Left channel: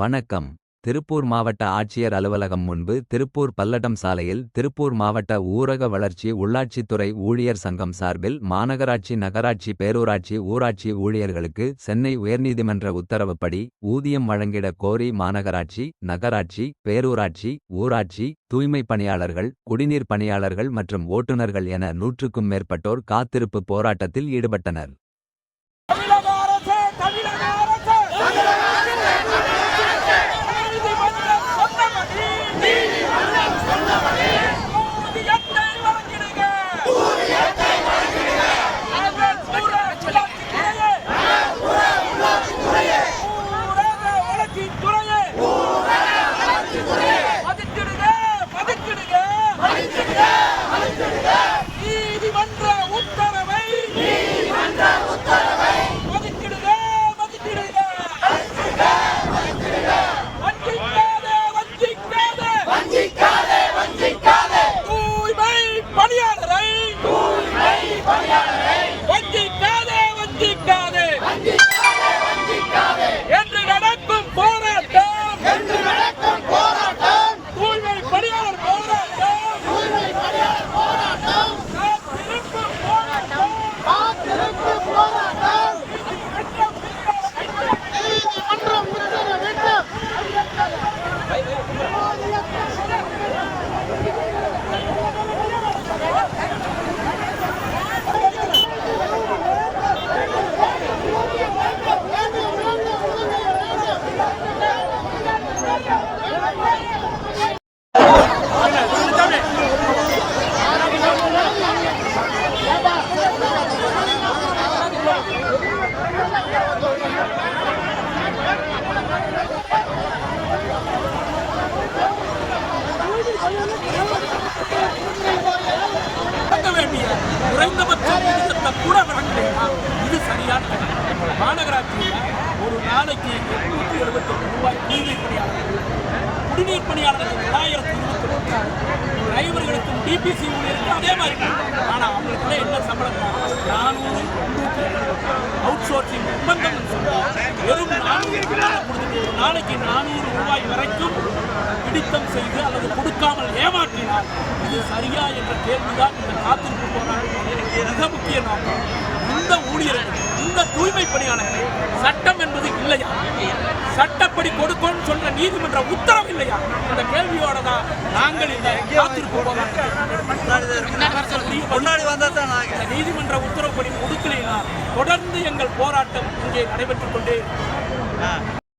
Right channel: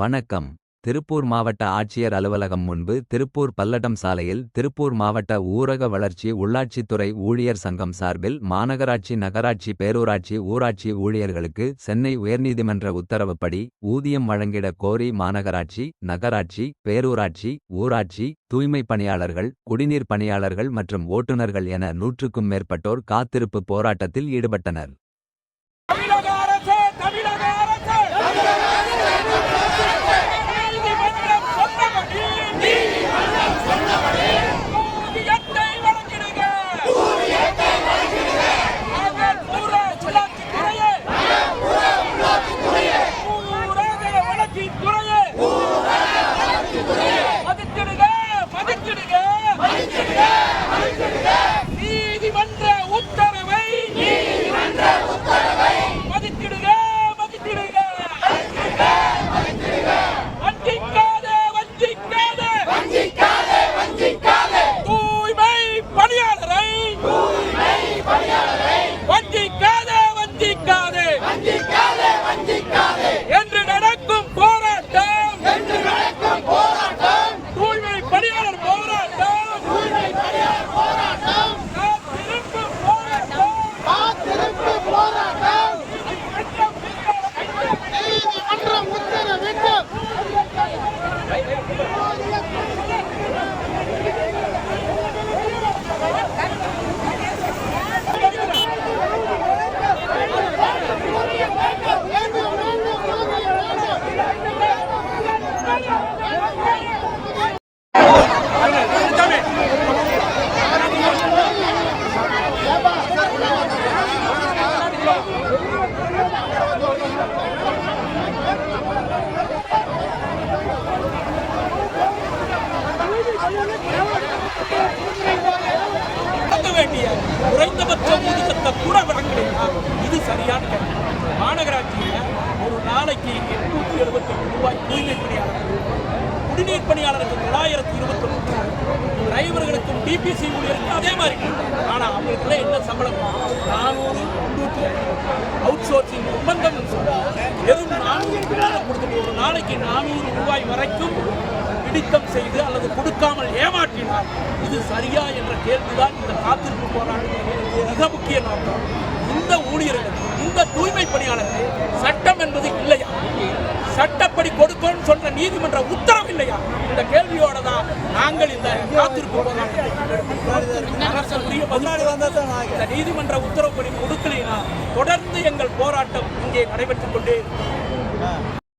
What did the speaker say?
வணக்கம். திருப்பூர் மாவட்ட ஆட்சியர் அலுவலகம் முன்பு திருப்பூர் பல்லடம் சாலையில் திருப்பூர் மாவட்ட ஊரக வளர்ச்சி உள்ளாட்சித்துறை ஊழியர் சங்கம் சார்பில் மாநகராட்சி நகராட்சி பேரூராட்சி ஊராட்சி ஊழியர்களுக்கு சென்னை உயர்நீதிமன்ற உத்தரவுப்படி ஊதியம் வழங்கிட கோரி மாநகராட்சி நகராட்சி பேரூராட்சி ஊராட்சி தூய்மை பணியாளர்கள் குடிநீர் பணியாளர்கள் மற்றும் ஓட்டுநர்கள் என 100க்கும் மேற்பட்டோர் காத்திருப்பு போராட்டத்தில் ஈடுபட்டனர். குறைந்தபட்ச ஊதியத்தை கூட வழங்கலைன்னா இது சரியான கணக்கு. மாநகராட்சியில் ஒரு நாளைக்கு 871 ரூபாய் தூய்மை பணியாளர்கள், குடிநீர் பணியாளர்களுக்கு 923, டிரைவர்களுக்கும் டிபிசி ஊழியருக்கும் அதே மாதிரி. ஆனால் அவங்களுக்குள்ள என்ன சம்பளம்? 400 அவுட் சோர்சிங் ஒப்பந்தம் வெறும் 400 கொடுத்துட்டு ஒரு நாளைக்கு 400 ரூபாய் வரைக்கும் பிடித்தம் செய்து அல்லது கொடுக்காமல் ஏமாற்றினார். இது சரியா என்ற கேள்விதான் இந்த காத்திருப்பு போராட்டம் மிக முக்கிய நோக்கம். இந்த ஊழியர்கள், இந்த தூய்மை பணியாளர்கள் சட்டம் என்பது இல்லையா? சட்டப்படி கொடுக்கணும்னு சொல்ற நீதிமன்ற உத்தரவு இல்லையா? இந்த கேள்வியோட தான் நாங்கள் இந்த காத்திருப்பு போராட்டம். நீதிமன்ற உத்தரவுப்படி கொடுக்கலைன்னா தொடர்ந்து எங்கள் போராட்டம் இங்கே நடைபெற்றுக் கொண்டே